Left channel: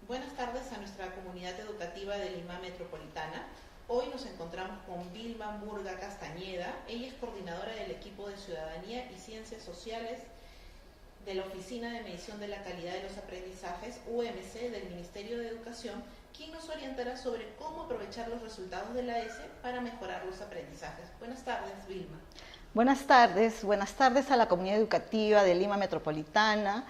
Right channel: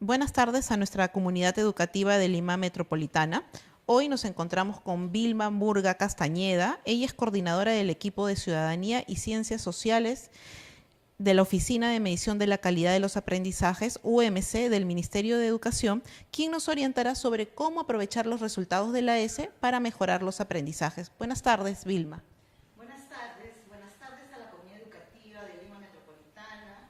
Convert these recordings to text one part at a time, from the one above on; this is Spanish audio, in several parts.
Buenas tardes a nuestra comunidad educativa de Lima Metropolitana. Hoy nos encontramos con Vilma Murga Castañeda. Ella es coordinadora del equipo de Ciudadanía y Ciencias Sociales de la Oficina de Medición de la Calidad de los Aprendizajes, UMC, del Ministerio de Educación, quien nos orientará sobre cómo aprovechar los resultados de la ESE para mejorar los aprendizajes. Buenas tardes, Vilma. Buenas tardes a la comunidad educativa de Lima Metropolitana.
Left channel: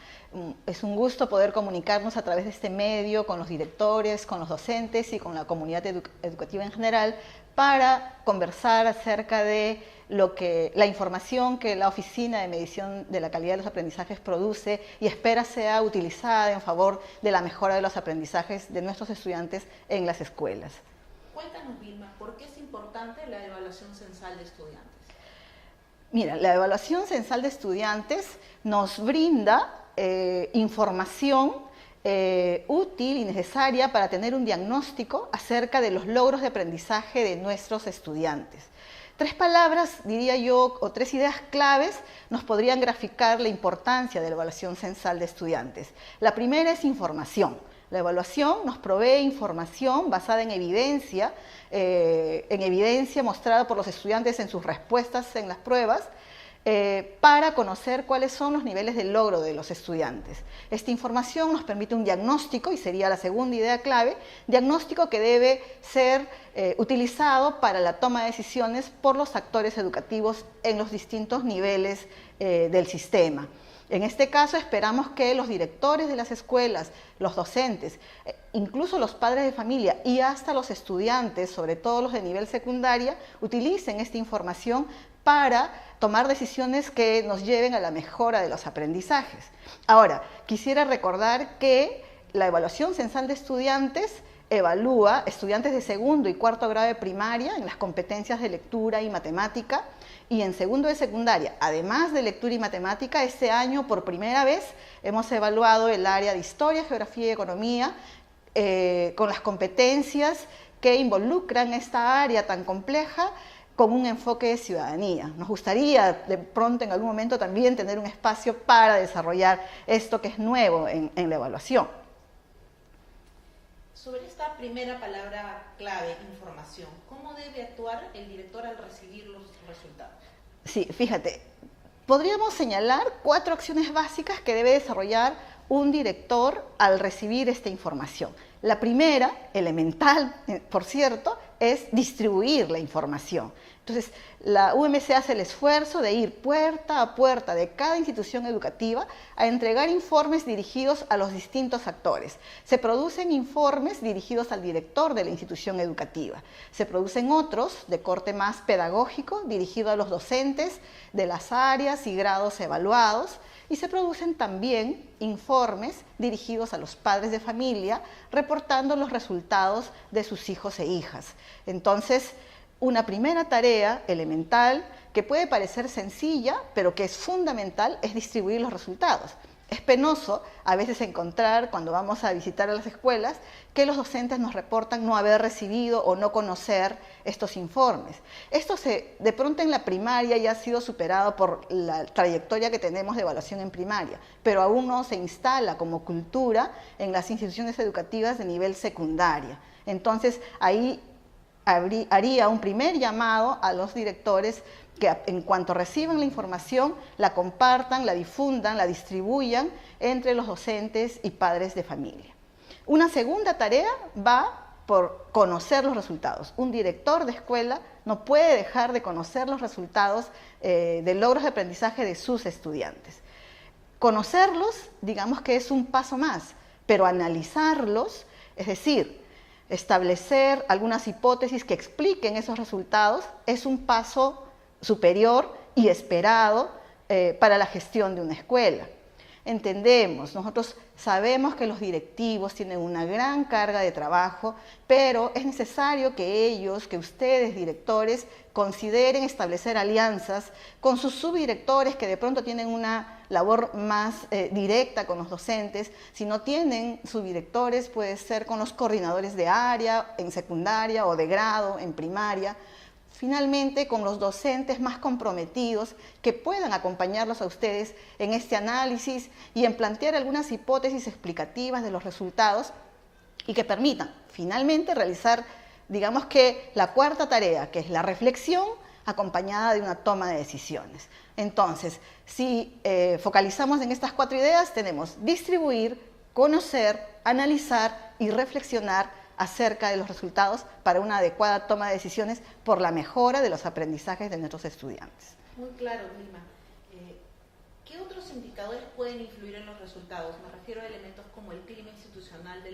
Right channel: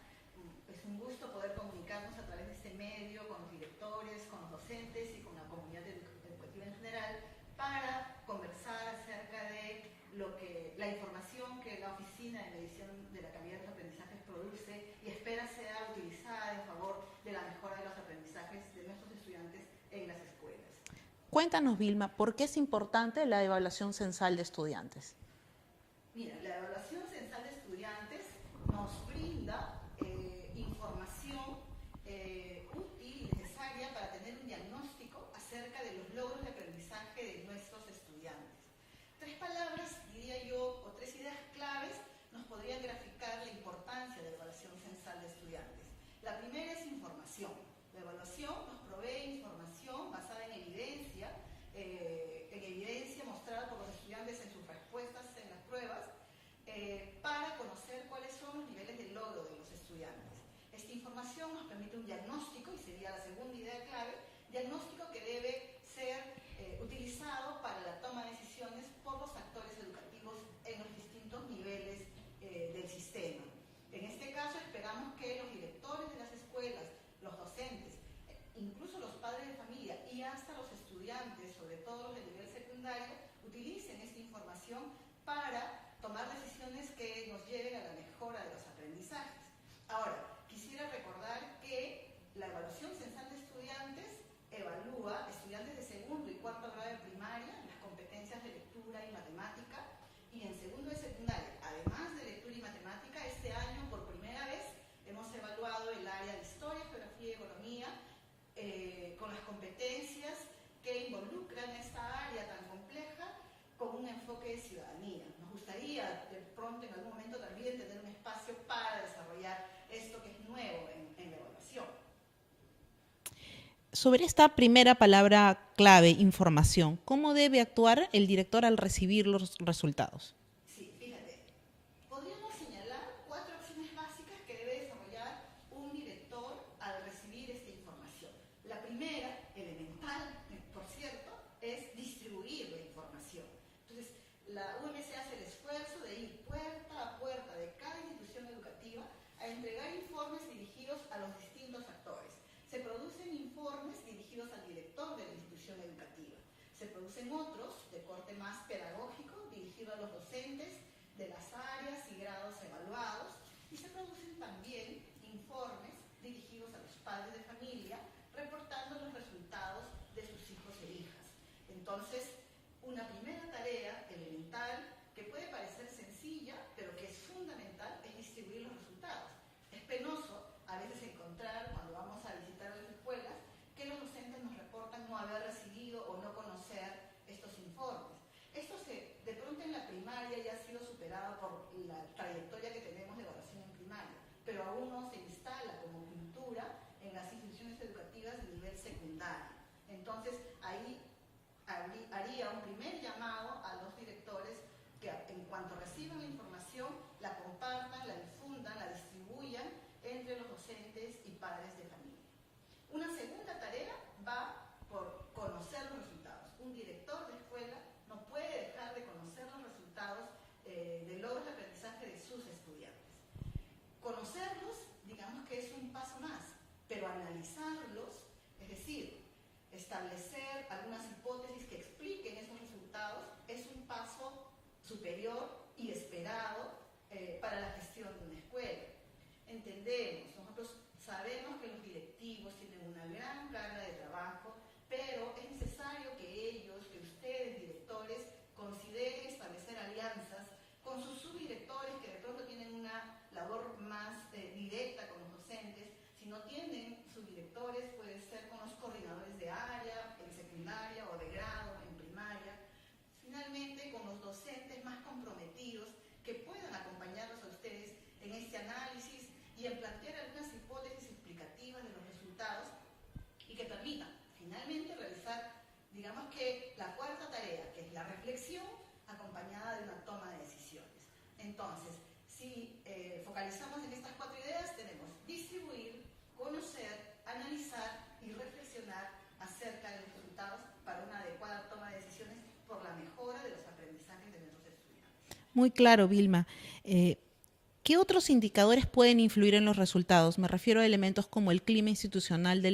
Es un gusto poder comunicarnos a través de este medio con los directores, con los docentes y con la comunidad educativa en general para conversar acerca de la información que la Oficina de Medición de la Calidad de los Aprendizajes produce y espera sea utilizada en favor de la mejora de los aprendizajes de nuestros estudiantes en las escuelas. Cuéntanos, Vilma, ¿por qué es importante la evaluación censal de estudiantes? Mira, la evaluación censal de estudiantes nos brinda información útil y necesaria para tener un diagnóstico acerca de los logros de aprendizaje de nuestros estudiantes. Tres palabras, diría yo, o tres ideas claves nos podrían graficar la importancia de la evaluación censal de estudiantes. La primera es información. La evaluación nos provee información basada en evidencia mostrada por los estudiantes en sus respuestas en las pruebas, para conocer cuáles son los niveles de logro de los estudiantes. Esta información nos permite un diagnóstico, y sería la segunda idea clave, diagnóstico que debe ser utilizado para la toma de decisiones por los actores educativos en los distintos niveles del sistema. En este caso esperamos que los directores de las escuelas, los docentes, incluso los padres de familia y hasta los estudiantes, sobre todo los de nivel secundaria, utilicen esta información para tomar decisiones que nos lleven a la mejora de los aprendizajes. Ahora, quisiera recordar que la evaluación censal de estudiantes evalúa estudiantes de segundo y cuarto grado de primaria en las competencias de lectura y matemática, y en segundo de secundaria, además de lectura y matemática, este año por primera vez hemos evaluado el área de historia, geografía y economía con las competencias que involucran esta área tan compleja con un enfoque de ciudadanía. Nos gustaría de pronto en algún momento también tener un espacio para desarrollar esto que es nuevo en la evaluación. Sobre esta primera palabra clave, información, ¿cómo debe actuar el director al recibir los resultados? Sí, fíjate, podríamos señalar 4 acciones básicas que debe desarrollar un director al recibir esta información. La primera, elemental, por cierto, es distribuir la información. Entonces, la UMC hace el esfuerzo de ir puerta a puerta de cada institución educativa a entregar informes dirigidos a los distintos actores. Se producen informes dirigidos al director de la institución educativa. Se producen otros de corte más pedagógico, dirigidos a los docentes de las áreas y grados evaluados. Y se producen también informes dirigidos a los padres de familia, reportando los resultados de sus hijos e hijas. Entonces, una primera tarea elemental que puede parecer sencilla, pero que es fundamental, es distribuir los resultados. Es penoso a veces encontrar, cuando vamos a visitar a las escuelas, que los docentes nos reportan no haber recibido o no conocer estos informes. Esto de pronto en la primaria ya ha sido superado por la trayectoria que tenemos de evaluación en primaria, pero aún no se instala como cultura en las instituciones educativas de nivel secundaria. Entonces, ahí haría un primer llamado a los directores que en cuanto reciban la información, la compartan, la difundan, la distribuyan entre los docentes y padres de familia. Una segunda tarea va por conocer los resultados. Un director de escuela no puede dejar de conocer los resultados de logros de aprendizaje de sus estudiantes. Conocerlos, digamos que es un paso más, pero analizarlos, es decir, establecer algunas hipótesis que expliquen esos resultados, es un paso superior y esperado para la gestión de una escuela. Entendemos, nosotros sabemos que los directivos tienen una gran carga de trabajo, pero es necesario que ellos, que ustedes, directores, consideren establecer alianzas con sus subdirectores que de pronto tienen una labor más directa con los docentes. Si no tienen subdirectores, puede ser con los coordinadores de área, en secundaria o de grado, en primaria. Finalmente, con los docentes más comprometidos que puedan acompañarlos a ustedes en este análisis y en plantear algunas hipótesis explicativas de los resultados y que permitan finalmente realizar, digamos que la cuarta tarea, que es la reflexión acompañada de una toma de decisiones. Entonces, si focalizamos en estas 4 ideas, tenemos distribuir, conocer, analizar y reflexionar acerca de los resultados para una adecuada toma de decisiones por la mejora de los aprendizajes de nuestros estudiantes. Muy claro, Vilma. ¿Qué otros indicadores pueden influir en los resultados? Me refiero a elementos como el clima institucional de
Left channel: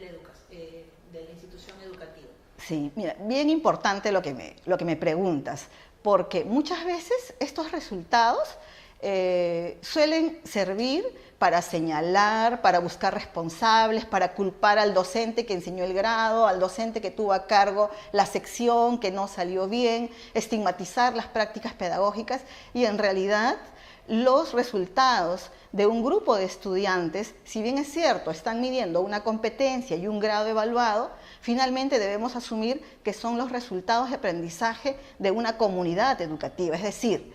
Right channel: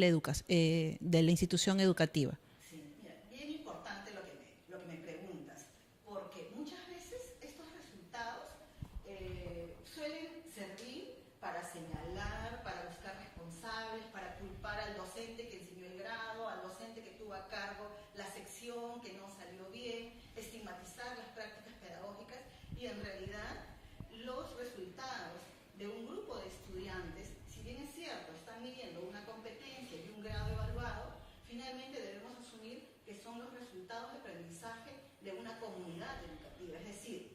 la institución educativa. Sí, mira, bien importante lo que me preguntas, porque muchas veces estos resultados suelen servir para señalar, para buscar responsables, para culpar al docente que enseñó el grado, al docente que tuvo a cargo la sección que no salió bien, estigmatizar las prácticas pedagógicas y en realidad los resultados de un grupo de estudiantes, si bien es cierto, están midiendo una competencia y un grado evaluado, finalmente debemos asumir que son los resultados de aprendizaje de una comunidad educativa, es decir,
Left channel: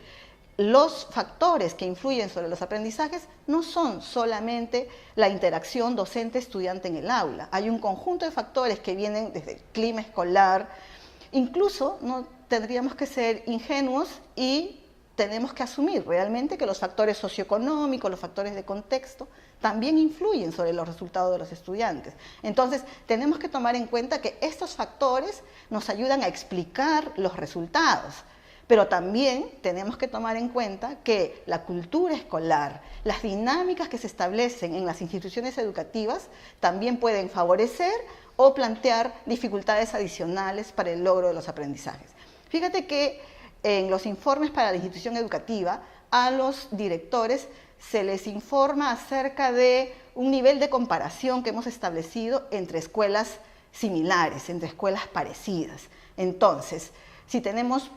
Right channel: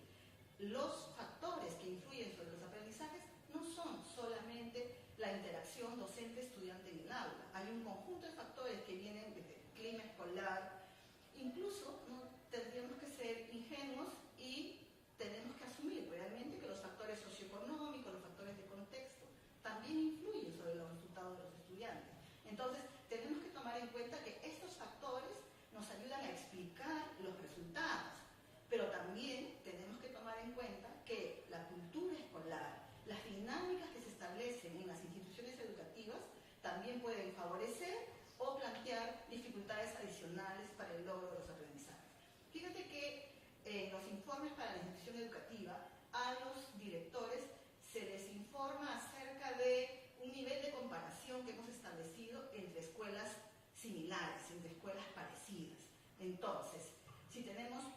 los factores que influyen sobre los aprendizajes no son solamente la interacción docente-estudiante en el aula. Hay un conjunto de factores que vienen desde el clima escolar. Incluso no tendríamos que ser ingenuos y tenemos que asumir realmente que los factores socioeconómicos, los factores de contexto, también influyen sobre los resultados de los estudiantes. Entonces, tenemos que tomar en cuenta que estos factores nos ayudan a explicar los resultados. Pero también tenemos que tomar en cuenta que la cultura escolar, las dinámicas que se establecen en las instituciones educativas también pueden favorecer o plantear dificultades adicionales para el logro de los aprendizajes. Fíjate que en los informes para la institución educativa, a los directores se les informa acerca de un nivel de comparación que hemos establecido entre escuelas similares, entre escuelas parecidas. Entonces, si tenemos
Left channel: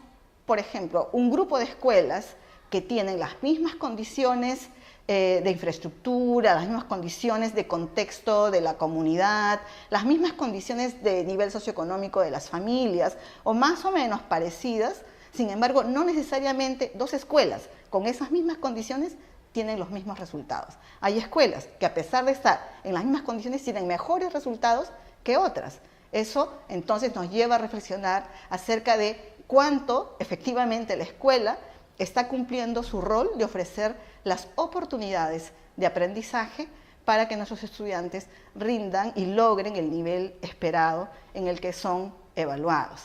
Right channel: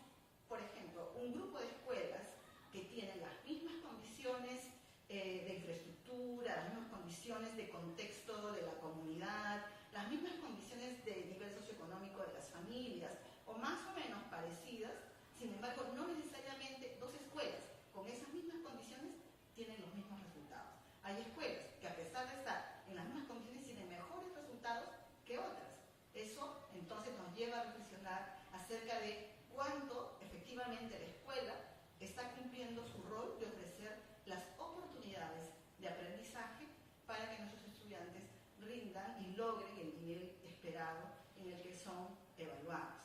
por ejemplo, un grupo de escuelas que tienen las mismas condiciones de infraestructura, las mismas condiciones de contexto de la comunidad, las mismas condiciones de nivel socioeconómico de las familias, o más o menos parecidas, sin embargo, no necesariamente 2 escuelas con esas mismas condiciones tienen los mismos resultados. Hay escuelas que a pesar de estar en las mismas condiciones tienen mejores resultados que otras. Eso entonces nos lleva a reflexionar acerca de cuánto efectivamente la escuela está cumpliendo su rol de ofrecer las oportunidades de aprendizaje para que nuestros estudiantes rindan y logren el nivel esperado en el que son evaluados.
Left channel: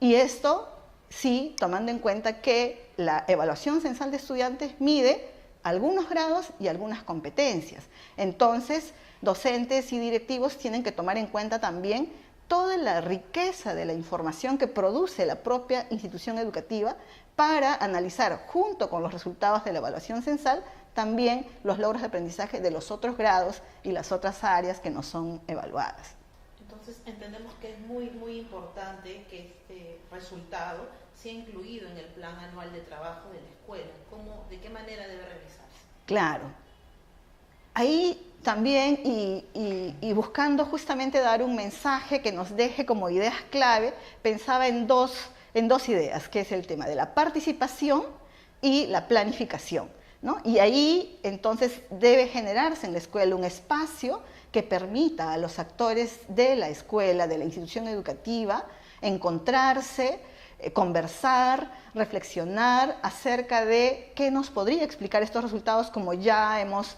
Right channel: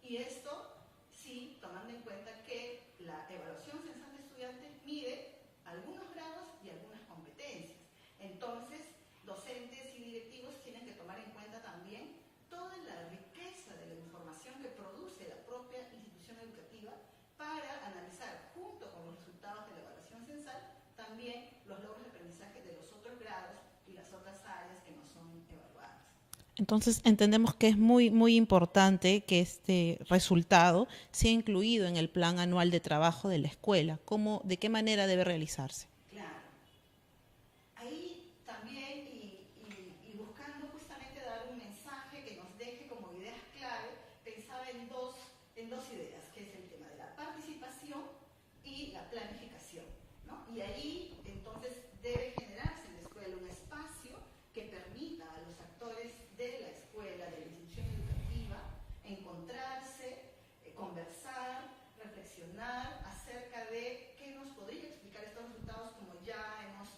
Y esto sí, tomando en cuenta que la evaluación censal de estudiantes mide algunos grados y algunas competencias. Entonces, docentes y directivos tienen que tomar en cuenta también toda la riqueza de la información que produce la propia institución educativa para analizar, junto con los resultados de la evaluación censal, también los logros de aprendizaje de los otros grados y las otras áreas que no son evaluadas. Entonces entendemos que es muy importante que este resultado sea incluido en el plan anual de trabajo de la escuela. ¿De qué manera debe realizarse? Claro. Ahí también, y buscando justamente dar un mensaje que nos deje como ideas clave, pensaba en dos ideas, que es el tema de la participación y la planificación, ¿no? Y ahí entonces debe generarse en la escuela un espacio que permita a los actores de la escuela, de la institución educativa, encontrarse, conversar, reflexionar acerca de qué nos podría explicar estos resultados como ya hemos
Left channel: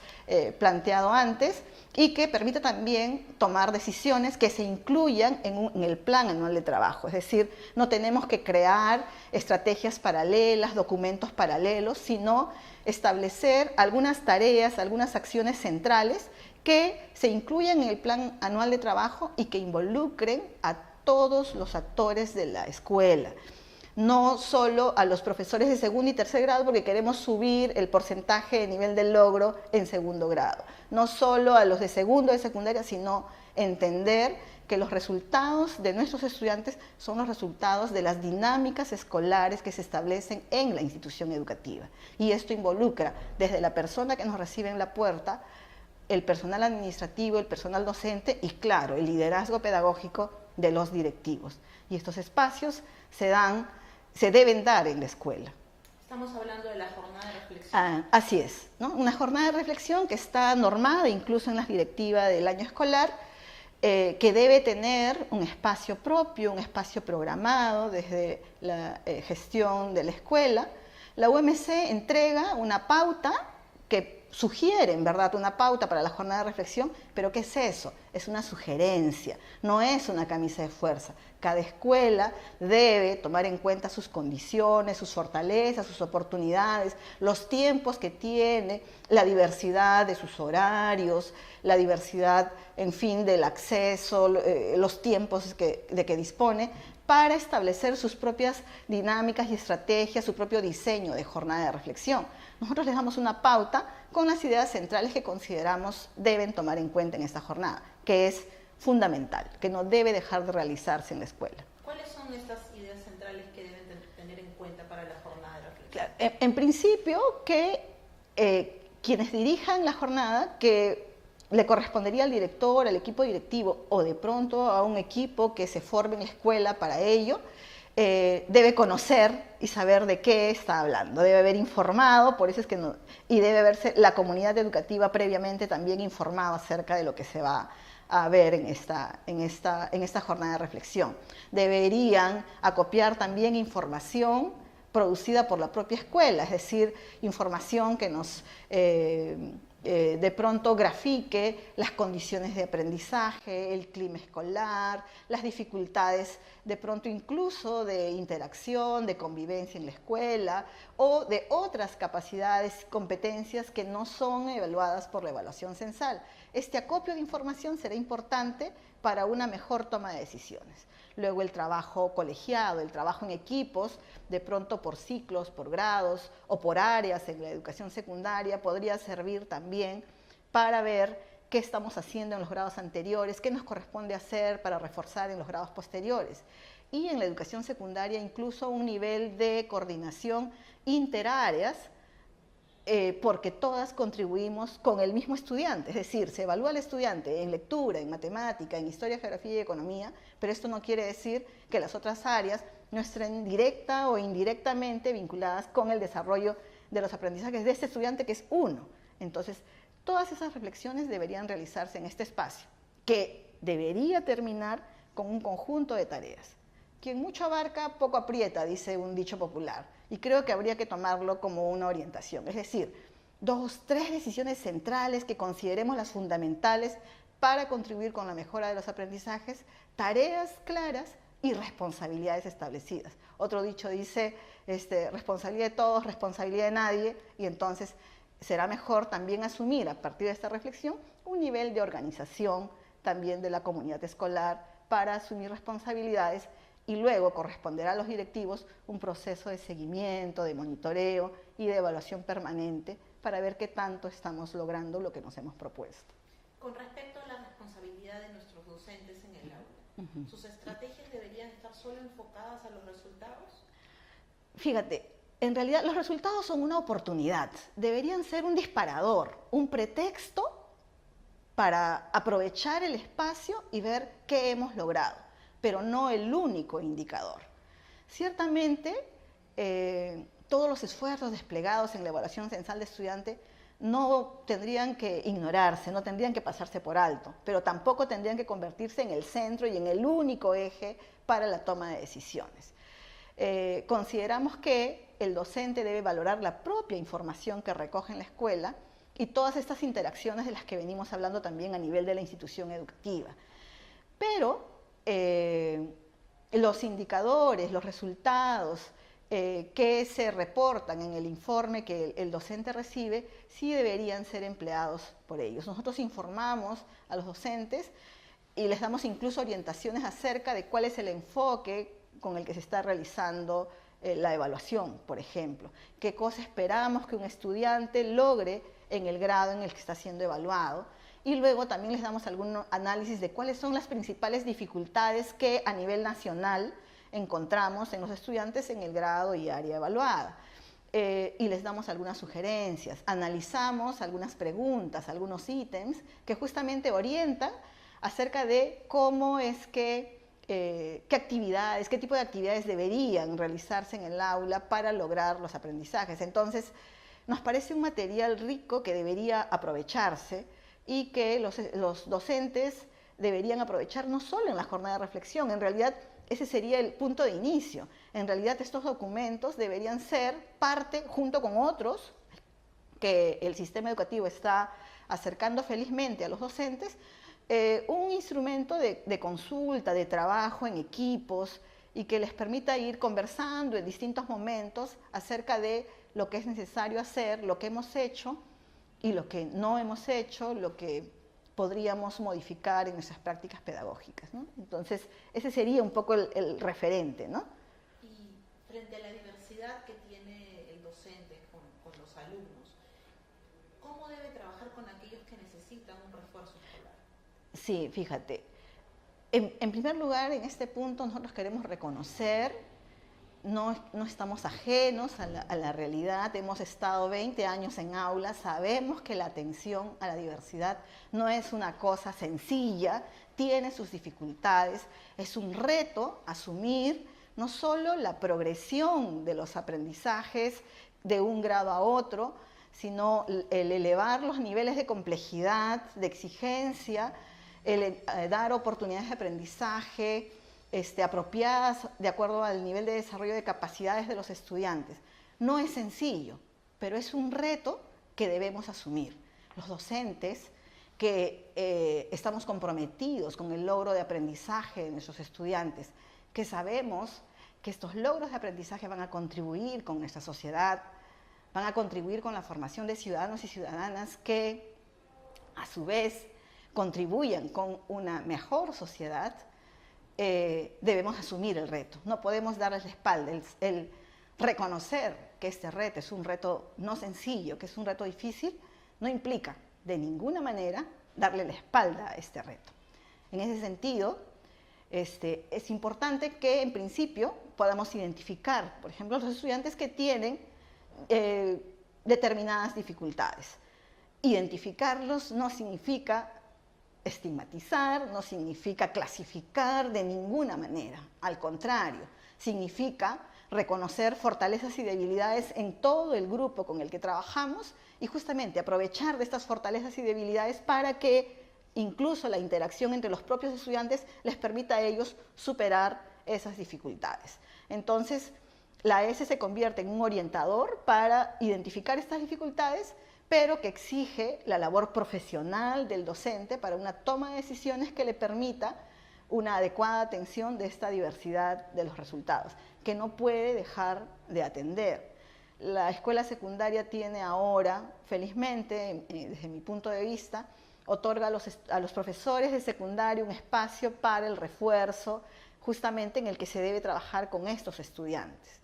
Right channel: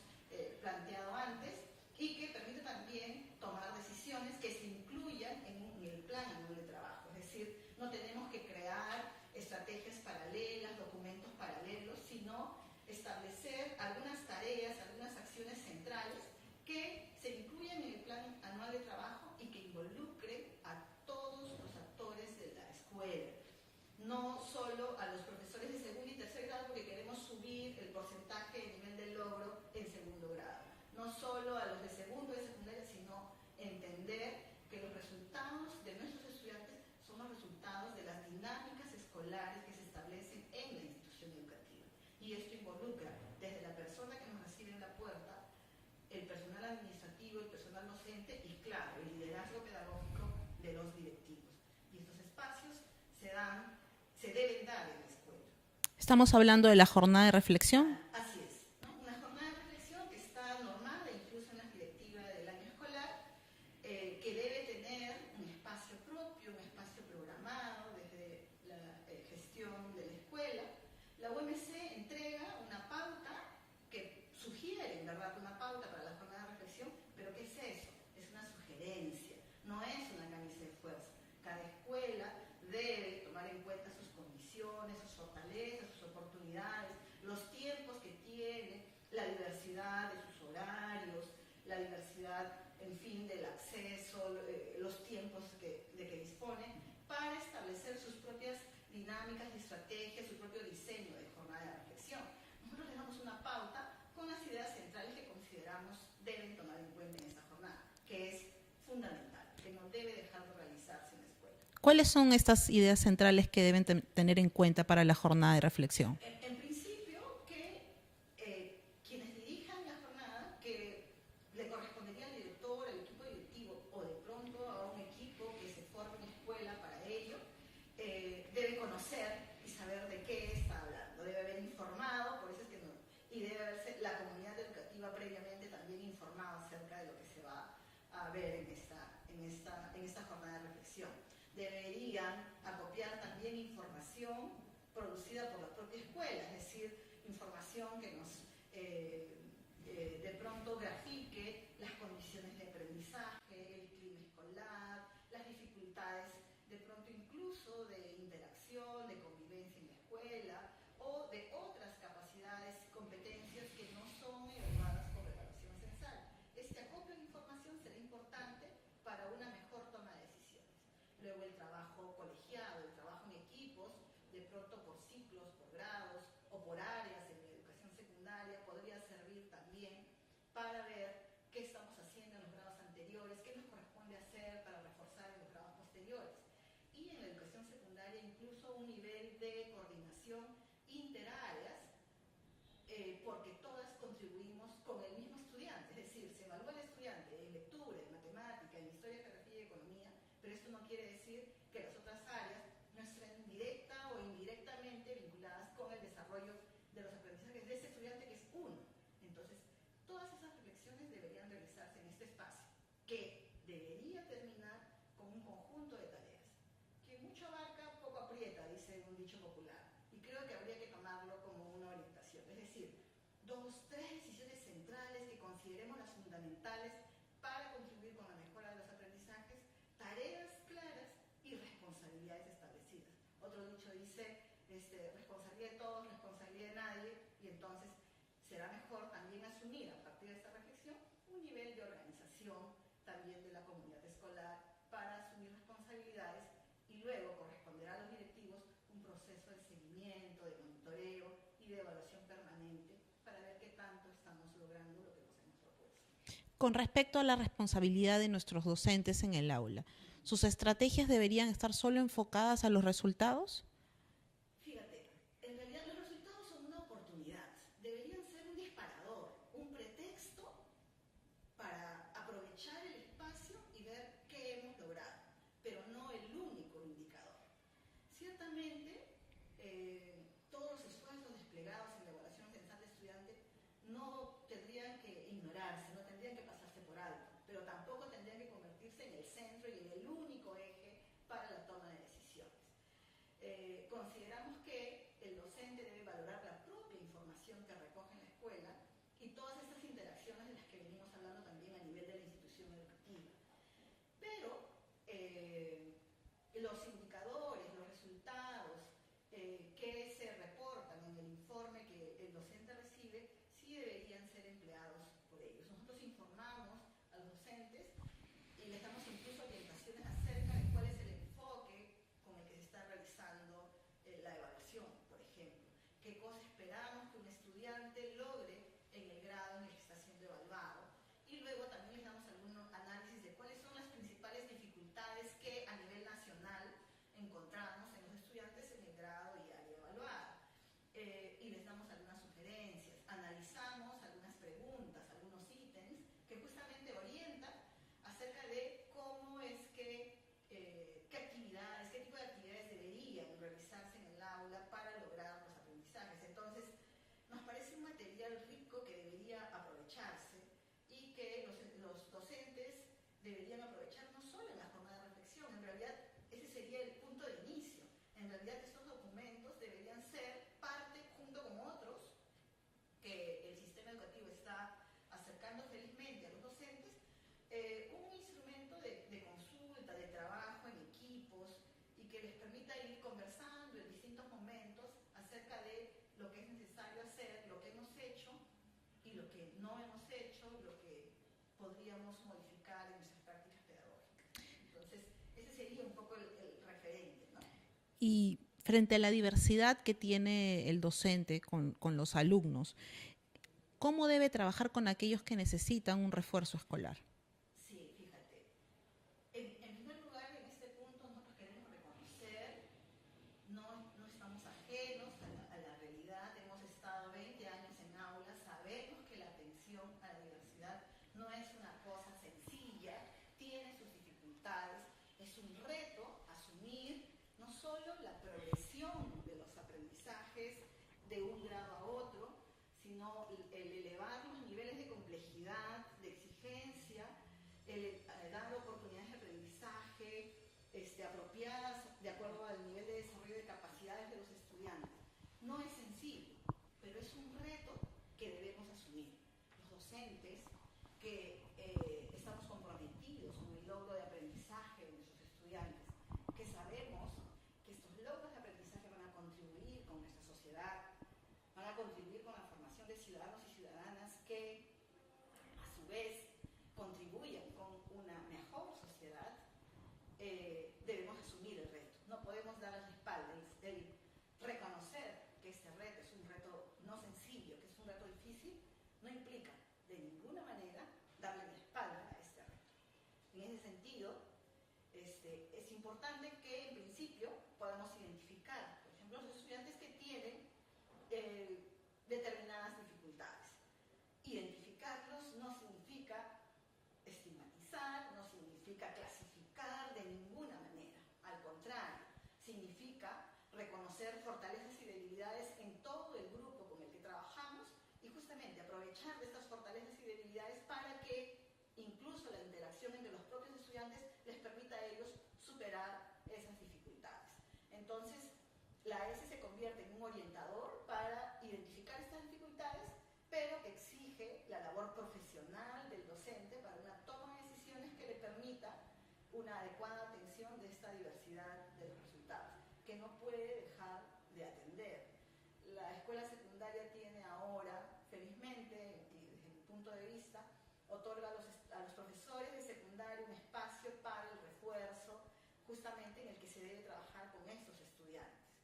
planteado antes y que permita también tomar decisiones que se incluyan en el plan anual de trabajo. Es decir, no tenemos que crear estrategias paralelas, documentos paralelos, sino establecer algunas tareas, algunas acciones centrales que se incluyan en el plan anual de trabajo y que involucren a todos los actores de la escuela. No solo a los profesores de segundo y tercer grado porque queremos subir el porcentaje de nivel de logro en segundo grado. No solo a los de segundo de secundaria, sino entender que los resultados de nuestros estudiantes son los resultados de las dinámicas escolares que se establecen en la institución educativa. Y esto involucra desde la persona que nos recibe en la puerta, el personal administrativo, el personal docente y, claro, el liderazgo pedagógico de los directivos. Y estos espacios se deben dar en la escuela. Estamos hablando de la jornada de reflexión. Así es, ¿no? Una jornada de reflexión que está normada incluso en las directivas del año escolar, que debe tener un espacio propio, un espacio programado desde la gestión de la escuela. La UMC entrega una pauta que sugiere, en verdad, una pauta para la jornada de reflexión, pero ¿qué es eso? Es una sugerencia, no es una camisa de fuerza. Cada escuela debe tomar en cuenta sus condiciones, sus fortalezas, sus oportunidades, los tiempos que tiene, la diversidad de sus horarios, la diversidad, en fin, del acceso, los tiempos de que dispone, para establecer sus propias dinámicas y estrategias, su propio diseño de jornada de reflexión. Nosotros les damos una pauta con las ideas centrales que consideramos deben tomar en cuenta en esta jornada, que es fundamental, que no debe dejar de realizarse en la escuela. ¿Cuáles son estas ideas centrales que deben tener en cuenta para la jornada de reflexión? En principio, que quienes dirijan la jornada, que le correspondería al director, al equipo directivo o de pronto a un equipo que se forme en la escuela para ello, debe conocer y saber de qué está hablando, debe haber informado, por eso es que no, y debe haberse la comunidad educativa previamente también informado acerca de lo que se va a ver en esta jornada de reflexión. Deberían acopiar también información producida por la propia escuela, es decir, información que nos de pronto grafique las condiciones de aprendizaje, el clima escolar, las dificultades de pronto incluso de interacción, de convivencia en la escuela o de otras capacidades, competencias que no son evaluadas por la evaluación censal. Este acopio de información será importante para una mejor toma de decisiones. Luego el trabajo colegiado, el trabajo en equipos, de pronto por ciclos, por grados o por áreas en la educación secundaria, podría servir también para ver qué estamos haciendo en los grados anteriores, qué nos corresponde hacer para reforzar en los grados posteriores. Y en la educación secundaria incluso un nivel de coordinación interáreas, porque todas contribuimos con el mismo estudiante, es decir, se evalúa al estudiante en lectura, en matemática, en historia, geografía y economía, pero esto no quiere decir que las otras áreas no estén directa o indirectamente vinculadas con el desarrollo de los aprendizajes de este estudiante que es uno. Entonces, todas esas reflexiones deberían realizarse en este espacio, que debería terminar con un conjunto de tareas. Quien mucho abarca, poco aprieta, dice un dicho popular, y creo que habría que tomarlo como una orientación, es decir, 2, 3 decisiones centrales que consideremos las fundamentales para contribuir con la mejora de los aprendizajes, tareas claras y responsabilidades establecidas. Otro dicho dice, responsabilidad de todos, responsabilidad de nadie, y entonces será mejor también asumir a partir de esta reflexión un nivel de organización también de la comunidad escolar para asumir responsabilidades y luego corresponderá a los directivos un proceso de seguimiento, de monitoreo y de evaluación permanente para ver qué tanto estamos logrando lo que nos hemos propuesto. Con respecto a la responsabilidad de nuestros docentes en el aula, ¿sus estrategias deberían estar solo enfocadas a los resultados? Fíjate, en realidad los resultados son una oportunidad, deberían ser un disparador, un pretexto para aprovechar el espacio y ver qué hemos logrado, pero no el único indicador. Ciertamente, todos los esfuerzos desplegados en la evaluación censal de estudiante no tendrían que ignorarse, no tendrían que pasarse por alto, pero tampoco tendrían que convertirse en el centro y en el único eje para la toma de decisiones. Consideramos que el docente debe valorar la propia información que recoge en la escuela y todas estas interacciones de las que venimos hablando también a nivel de la institución educativa. Pero los indicadores, los resultados que se reportan en el informe que el docente recibe, sí deberían ser empleados por ellos. Nosotros informamos a los docentes y les damos incluso orientaciones acerca de cuál es el enfoque con el que se está realizando la evaluación, por ejemplo. Qué cosa esperamos que un estudiante logre en el grado en el que está siendo evaluado. Y luego también les damos algún análisis de cuáles son las principales dificultades que a nivel nacional encontramos en los estudiantes en el grado y área evaluada. Y les damos algunas sugerencias, analizamos algunas preguntas, algunos ítems que justamente orientan acerca de cómo es que, qué actividades, qué tipo de actividades deberían realizarse en el aula para lograr los aprendizajes. Entonces, nos parece un material rico que debería aprovecharse y que los docentes deberían aprovechar no solo en la jornada de reflexión, en realidad ese sería el punto de inicio. En realidad estos documentos deberían ser parte, junto con otros, que el sistema educativo está acercando felizmente a los docentes, un instrumento de consulta, de trabajo en equipos y que les permita ir conversando en distintos momentos acerca de lo que es necesario hacer, lo que hemos hecho y lo que no hemos hecho, lo que podríamos modificar en nuestras prácticas pedagógicas, ¿no? Entonces, ese sería un poco el referente, ¿no? Y frente a la diversidad que tiene el docente con los alumnos, ¿cómo debe trabajar con aquellos que necesitan un refuerzo escolar? Sí, fíjate. En primer lugar, en este punto nosotros queremos reconocer, no estamos ajenos a la realidad, hemos estado 20 años en aulas, sabemos que la atención a la diversidad no es una cosa sencilla, tiene sus dificultades, es un reto asumir no solo la progresión de los aprendizajes de un grado a otro, sino el elevar los niveles de complejidad, de exigencia, el dar oportunidades de aprendizaje apropiadas de acuerdo al nivel de desarrollo de capacidades de los estudiantes. No es sencillo, pero es un reto que debemos asumir. Los docentes que estamos comprometidos con el logro de aprendizaje de nuestros estudiantes, que sabemos que estos logros de aprendizaje van a contribuir con nuestra sociedad, van a contribuir con la formación de ciudadanos y ciudadanas que, a su vez, contribuyan con una mejor sociedad, debemos asumir el reto. No podemos darles la espalda. El reconocer que este reto es un reto no sencillo, que es un reto difícil, no implica de ninguna manera darle la espalda a este reto. En ese sentido, es importante que en principio podamos identificar, por ejemplo, los estudiantes que tienen determinadas dificultades. Identificarlos no significa estigmatizar, no significa clasificar de ninguna manera, al contrario, significa reconocer fortalezas y debilidades en todo el grupo con el que trabajamos y justamente aprovechar de estas fortalezas y debilidades para que incluso la interacción entre los propios estudiantes les permita a ellos superar esas dificultades. Entonces, la ESE se convierte en un orientador para identificar estas dificultades, pero que exige la labor profesional del docente para una toma de decisiones que le permita una adecuada atención de esta diversidad de los resultados, que no puede dejar de atender. La escuela secundaria tiene ahora, felizmente, desde mi punto de vista, otorga a los profesores de secundaria un espacio para el refuerzo, justamente en el que se debe trabajar con estos estudiantes.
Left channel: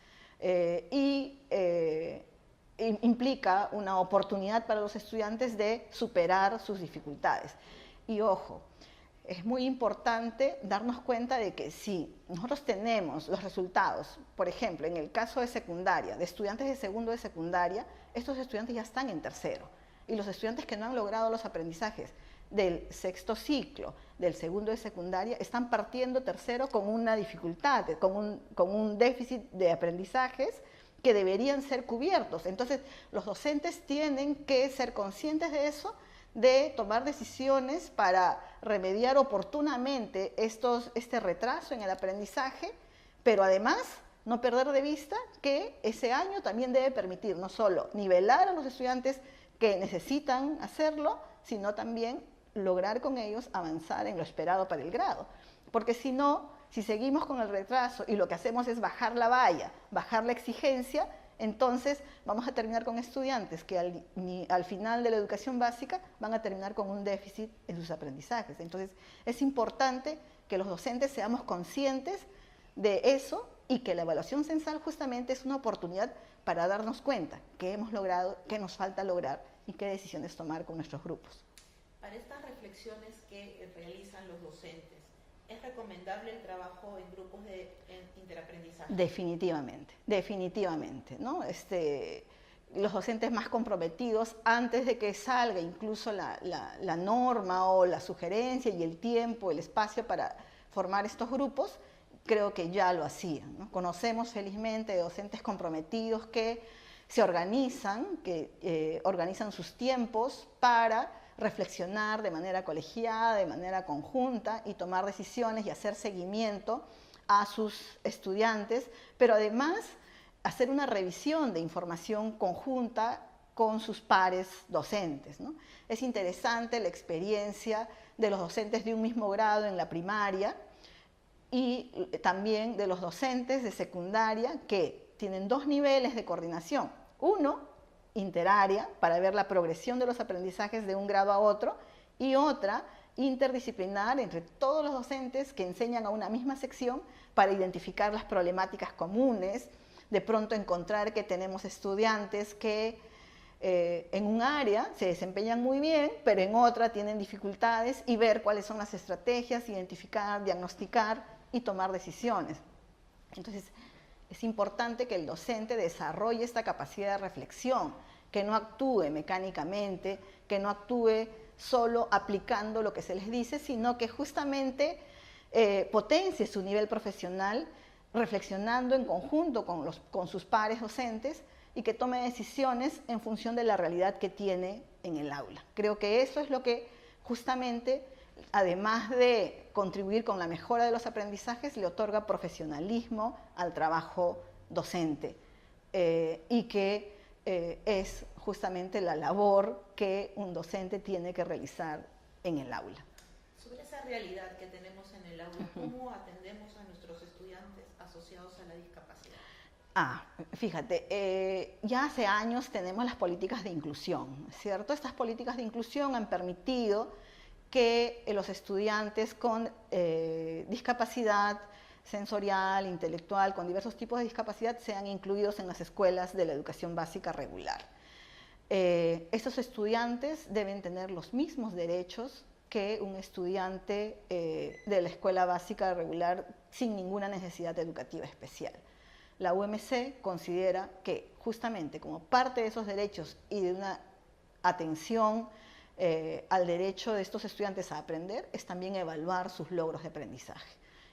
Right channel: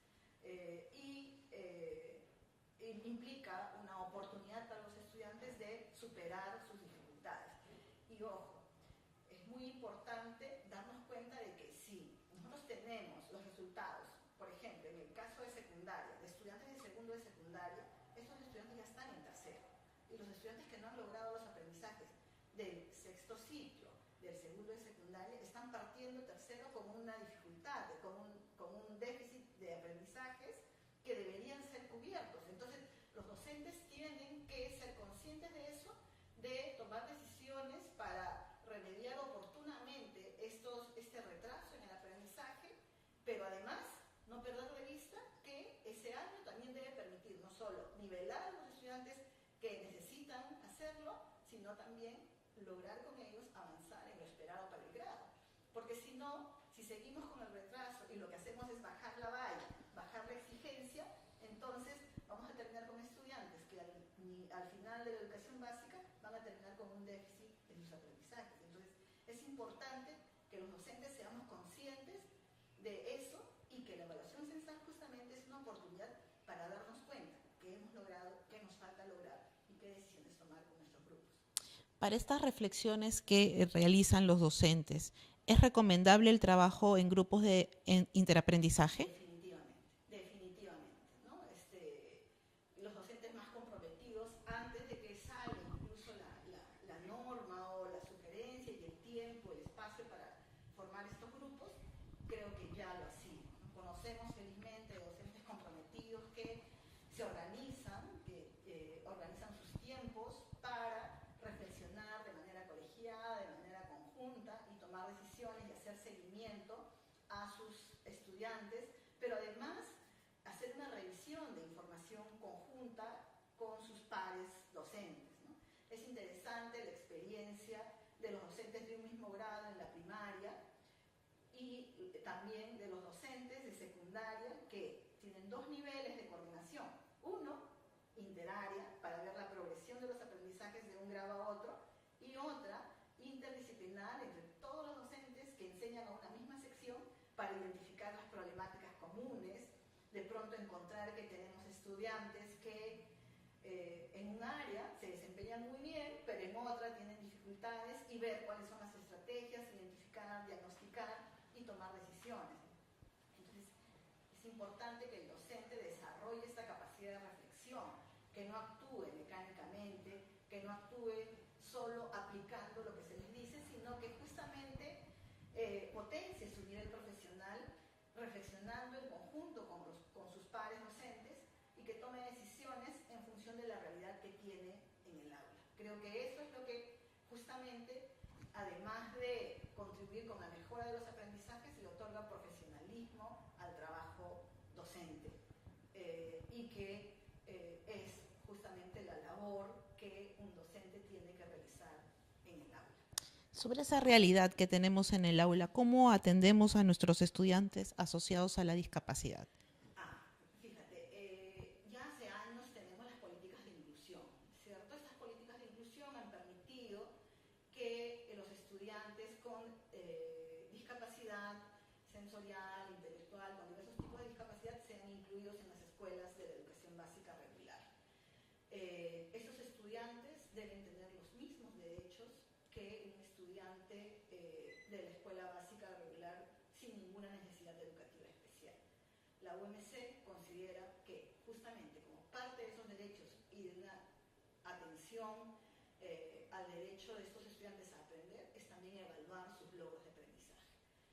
Implica una oportunidad para los estudiantes de superar sus dificultades. Y ojo, es muy importante darnos cuenta de que si nosotros tenemos los resultados, por ejemplo, en el caso de secundaria, de estudiantes de segundo de secundaria, estos estudiantes ya están en tercero. Y los estudiantes que no han logrado los aprendizajes del sexto ciclo, del segundo de secundaria, están partiendo tercero con una dificultad, con un déficit de aprendizajes que deberían ser cubiertos. Entonces, los docentes tienen que ser conscientes de eso, de tomar decisiones para remediar oportunamente este retraso en el aprendizaje, pero además no perder de vista que ese año también debe permitir no solo nivelar a los estudiantes que necesitan hacerlo, sino también lograr con ellos avanzar en lo esperado para el grado. Porque si no, si seguimos con el retraso y lo que hacemos es bajar la valla, bajar la exigencia, entonces vamos a terminar con estudiantes que al final de la educación básica van a terminar con un déficit en sus aprendizajes. Entonces es importante que los docentes seamos conscientes de eso y que la evaluación censal justamente es una oportunidad para darnos cuenta qué hemos logrado, qué nos falta lograr y qué decisiones tomar con nuestros grupos. Para estas reflexiones que realizan los docentes, ¿es recomendable el trabajo en grupos de interaprendizaje? Definitivamente, definitivamente, ¿no? Los docentes más comprometidos, antes de que salga incluso la norma o la sugerencia y el tiempo, el espacio para formar estos grupos, creo que ya lo hacían, ¿no? Conocemos felizmente docentes comprometidos que se organizan, que organizan sus tiempos para reflexionar de manera colegiada, de manera conjunta y tomar decisiones y hacer seguimiento a sus estudiantes, pero además hacer una revisión de información conjunta con sus pares docentes, ¿no? Es interesante la experiencia de los docentes de un mismo grado en la primaria y también de los docentes de secundaria que tienen dos niveles de coordinación. Uno, interárea, para ver la progresión de los aprendizajes de un grado a otro, y otra, interdisciplinar entre todos los docentes que enseñan a una misma sección para identificar las problemáticas comunes, de pronto encontrar que tenemos estudiantes que en un área se desempeñan muy bien, pero en otra tienen dificultades y ver cuáles son las estrategias, identificar, diagnosticar y tomar decisiones. Entonces, es importante que el docente desarrolle esta capacidad de reflexión, que no actúe mecánicamente, que no actúe solo aplicando lo que se les dice, sino que justamente potencie su nivel profesional reflexionando en conjunto con sus pares docentes y que tome decisiones en función de la realidad que tiene en el aula. Creo que eso es lo que justamente, además de contribuir con la mejora de los aprendizajes, le otorga profesionalismo al trabajo docente y que es justamente la labor que un docente tiene que realizar en el aula. Sobre esa realidad que tenemos en el aula, ¿cómo atendemos a nuestros estudiantes asociados a la discapacidad? Fíjate, ya hace años tenemos las políticas de inclusión, ¿cierto? Estas políticas de inclusión han permitido que los estudiantes con discapacidad sensorial, intelectual, con diversos tipos de discapacidad, sean incluidos en las escuelas de la educación básica regular. Estos estudiantes deben tener los mismos derechos que un estudiante de la escuela básica regular sin ninguna necesidad educativa especial. La UMC considera que justamente como parte de esos derechos y de una atención al derecho de estos estudiantes a aprender es también evaluar sus logros de aprendizaje.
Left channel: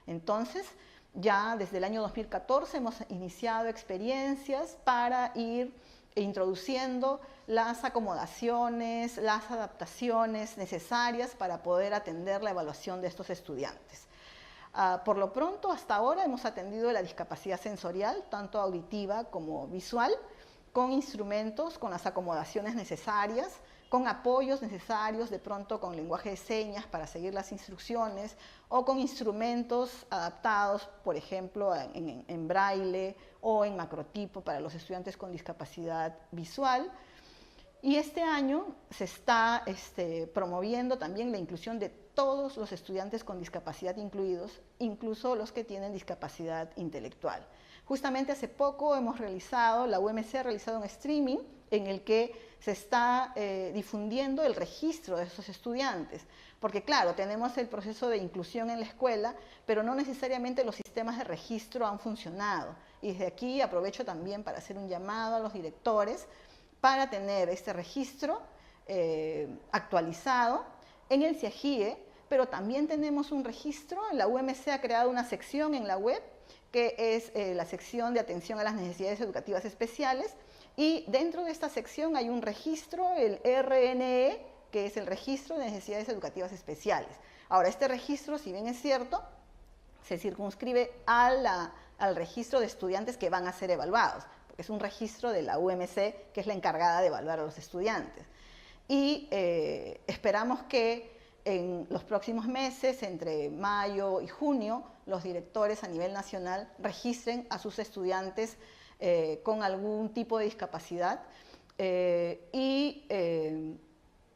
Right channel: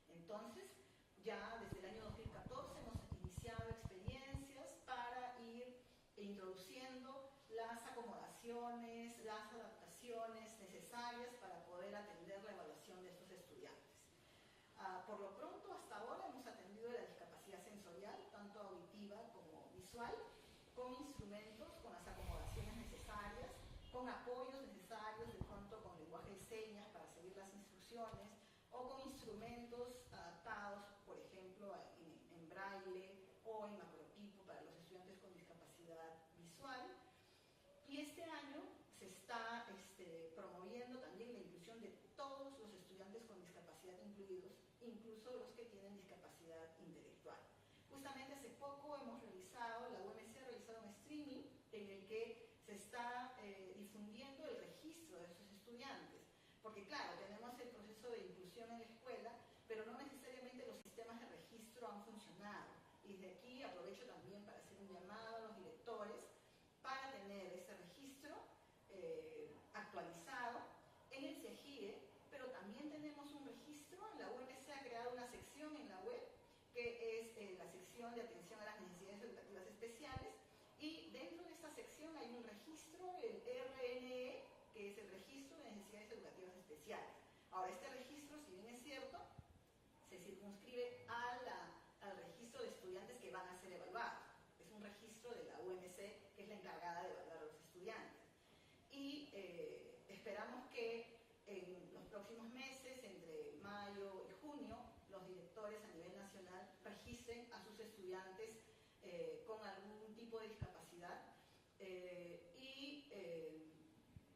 Entonces, ya desde el año 2014 hemos iniciado experiencias para ir introduciendo las acomodaciones, las adaptaciones necesarias para poder atender la evaluación de estos estudiantes. Por lo pronto, hasta ahora hemos atendido la discapacidad sensorial, tanto auditiva como visual, con instrumentos, con las acomodaciones necesarias, con apoyos necesarios, de pronto con lenguaje de señas para seguir las instrucciones, o con instrumentos adaptados, por ejemplo, en braille o en macrotipo para los estudiantes con discapacidad visual. Y este año se está promoviendo también la inclusión de todos los estudiantes con discapacidad incluidos, incluso los que tienen discapacidad intelectual. Justamente hace poco la UMC ha realizado un streaming en el que se está difundiendo el registro de esos estudiantes, porque claro, tenemos el proceso de inclusión en la escuela, pero no necesariamente los sistemas de registro han funcionado. Y desde aquí aprovecho también para hacer un llamado a los directores para tener este registro actualizado en el CIAGIE, pero también tenemos un registro, la UMC ha creado una sección en la web que es la sección de atención a las necesidades educativas especiales, y dentro de esta sección hay un registro, el RNE, que es el registro de necesidades educativas especiales. Ahora, este registro, si bien es cierto, se circunscribe al registro de estudiantes que van a ser evaluados, porque es un registro de la UMC, que es la encargada de evaluar a los estudiantes. Y esperamos que en los próximos meses, entre mayo y junio, los directores a nivel nacional registren a sus estudiantes con algún tipo de discapacidad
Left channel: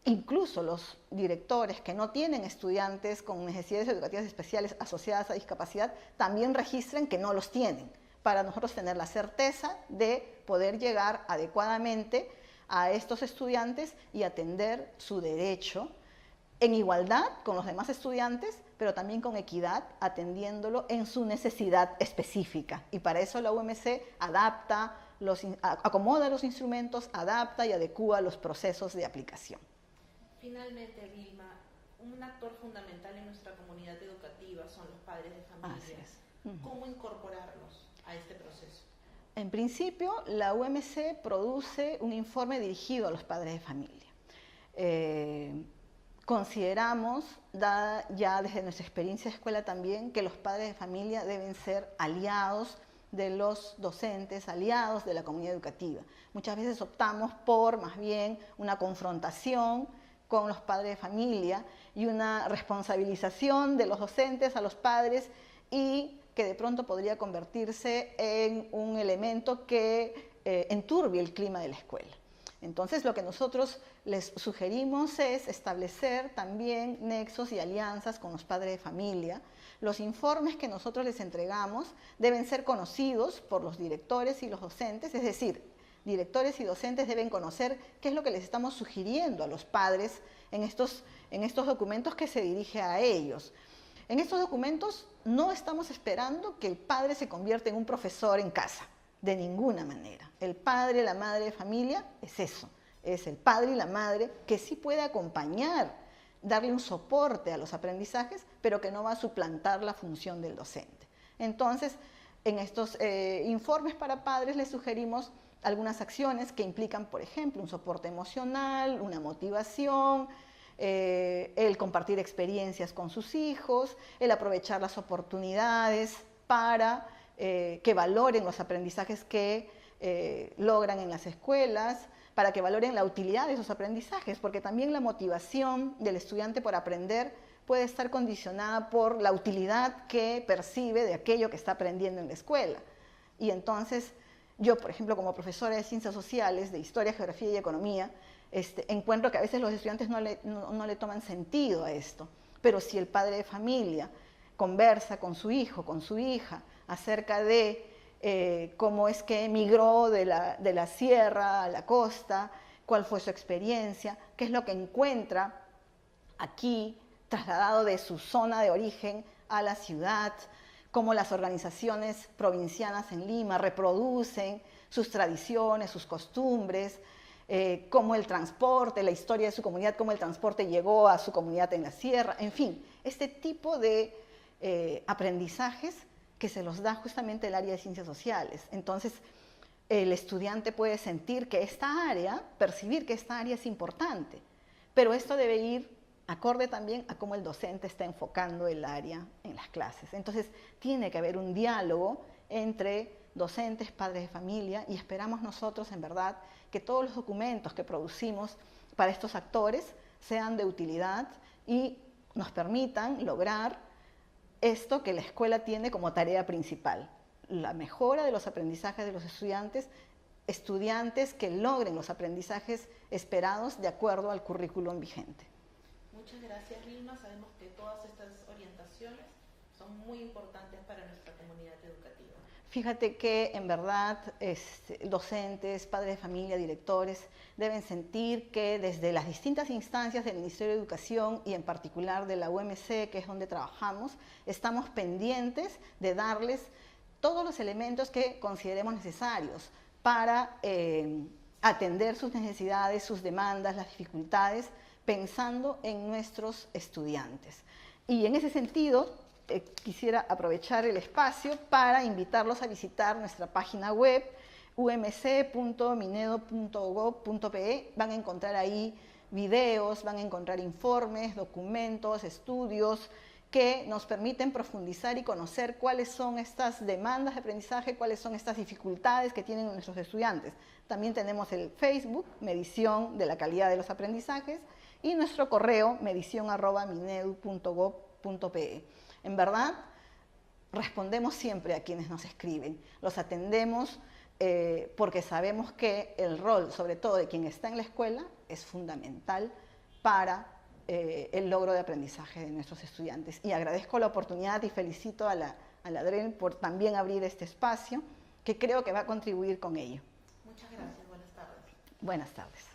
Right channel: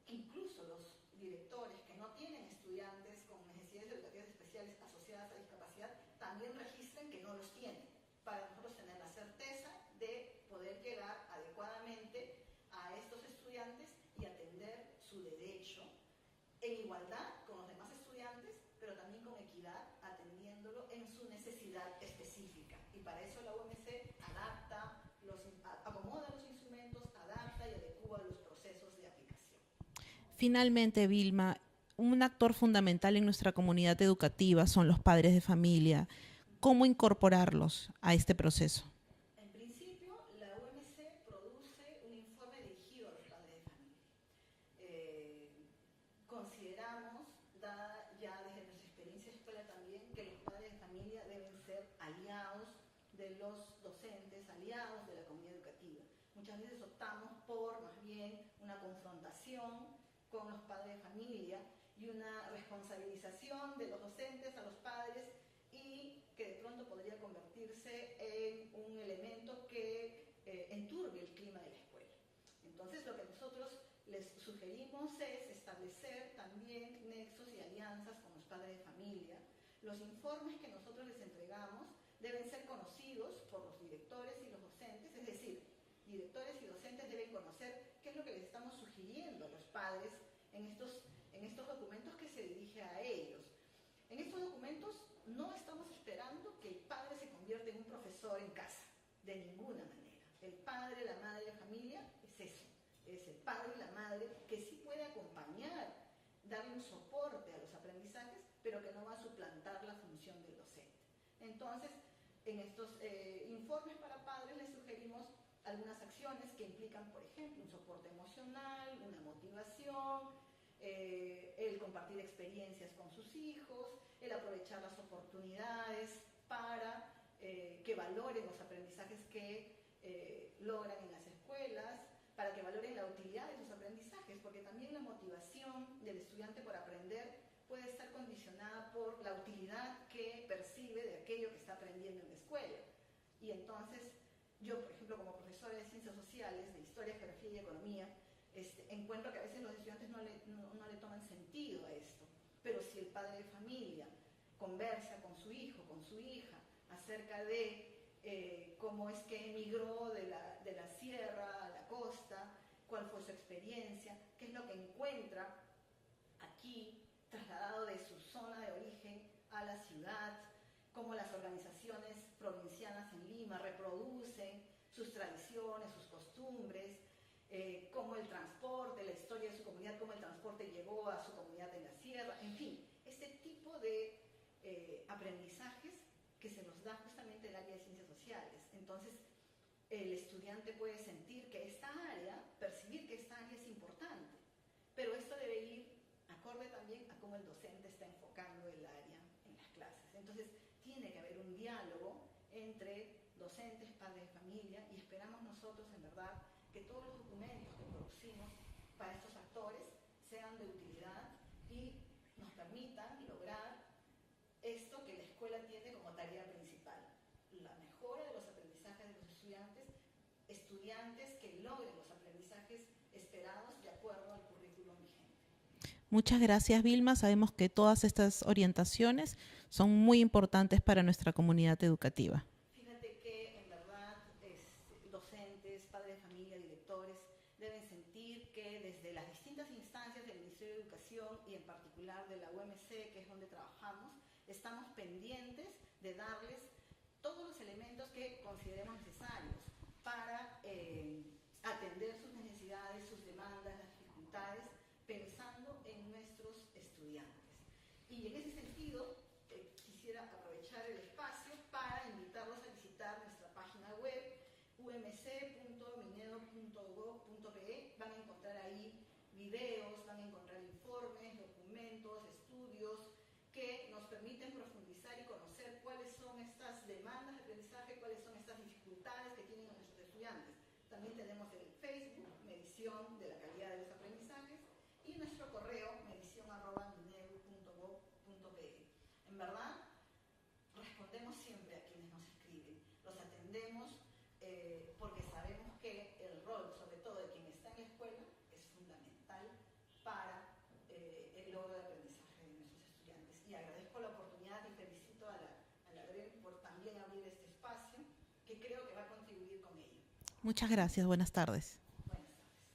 incluso los directores que no tienen estudiantes con necesidades educativas especiales asociadas a discapacidad también registren que no los tienen, para nosotros tener la certeza de poder llegar adecuadamente a estos estudiantes y atender su derecho en igualdad con los demás estudiantes, pero también con equidad, atendiéndolo en su necesidad específica. Y para eso la UMC acomoda los instrumentos, adapta y adecúa los procesos de aplicación. Finalmente, Vilma, un actor fundamental en nuestra comunidad educativa son los padres de familia. ¿Cómo incorporarlos a este proceso? En principio, la UMC produce un informe dirigido a los padres de familia. Consideramos, dada ya desde nuestra experiencia de escuela también, que los padres de familia deben ser aliados de los docentes, aliados de la comunidad educativa. Muchas veces optamos por más bien una confrontación con los padres de familia y una responsabilización de los docentes a los padres, y que de pronto podría convertirse en un elemento que enturbie el clima de la escuela. Entonces, lo que nosotros les sugerimos es establecer también nexos y alianzas con los padres de familia. Los informes que nosotros les entregamos deben ser conocidos por los directores y los docentes, es decir, directores y docentes deben conocer qué es lo que les estamos sugiriendo a los padres en estos documentos que se dirige a ellos. En estos documentos no estamos esperando que el padre se convierta en un profesor en casa. De ninguna manera. El padre, la madre de familia es eso, es el padre y la madre que sí puede acompañar, darle un soporte a los aprendizajes, pero que no va a suplantar la función del docente. Entonces, en estos informes para padres les sugerimos algunas acciones que implican, por ejemplo, un soporte emocional, una motivación, el compartir experiencias con sus hijos, el aprovechar las oportunidades para que valoren los aprendizajes que logran en las escuelas, para que valoren la utilidad de esos aprendizajes, porque también la motivación del estudiante por aprender puede estar condicionada por la utilidad que percibe de aquello que está aprendiendo en la escuela. Y entonces, yo, por ejemplo, como profesora de Ciencias Sociales, de Historia, Geografía y Economía, encuentro que a veces los estudiantes no le toman sentido a esto. Pero si el padre de familia conversa con su hijo, con su hija, acerca de cómo es que emigró de la sierra a la costa, cuál fue su experiencia, qué es lo que encuentra aquí, trasladado de su zona de origen a la ciudad, cómo las organizaciones provincianas en Lima reproducen sus tradiciones, sus costumbres, cómo el transporte, la historia de su comunidad, cómo el transporte llegó a su comunidad en la sierra, en fin, este tipo de aprendizajes que se los da justamente el área de Ciencias Sociales. Entonces, el estudiante puede sentir que esta área, percibir que esta área es importante, pero esto debe ir acorde también a cómo el docente está enfocando el área en las clases. Entonces, tiene que haber un diálogo entre docentes, padres de familia, y esperamos nosotros, en verdad, que todos los documentos que producimos para estos actores sean de utilidad y nos permitan lograr esto que la escuela tiene como tarea principal, la mejora de los aprendizajes de los estudiantes que logren los aprendizajes esperados de acuerdo al currículum vigente. Muchas gracias, Vilma. Sabemos que todas estas orientaciones son muy importantes para nuestra comunidad educativa. Fíjate que en verdad docentes, padres de familia, directores deben sentir que desde las distintas instancias del Ministerio de Educación y en particular de la UMC, que es donde trabajamos, estamos pendientes de darles todos los elementos que consideremos necesarios para atender sus necesidades, sus demandas, las dificultades, pensando en nuestros estudiantes. Y en ese sentido, quisiera aprovechar el espacio para invitarlos a visitar nuestra página web umc.minedo.gov.pe. Van a encontrar ahí videos, van a encontrar informes, documentos, estudios que nos permiten profundizar y conocer cuáles son estas demandas de aprendizaje, cuáles son estas dificultades que tienen nuestros estudiantes. También tenemos el Facebook, Medición de la Calidad de los Aprendizajes, y nuestro correo, medición@minedu.gov.pe. En verdad, respondemos siempre a quienes nos escriben, los atendemos porque sabemos que el rol, sobre todo de quien está en la escuela, es fundamental para el logro de aprendizaje de nuestros estudiantes. Y agradezco la oportunidad y felicito a la DREN por también abrir este espacio, que creo que va a contribuir con ello. Muchas gracias. Buenas tardes. Buenas tardes.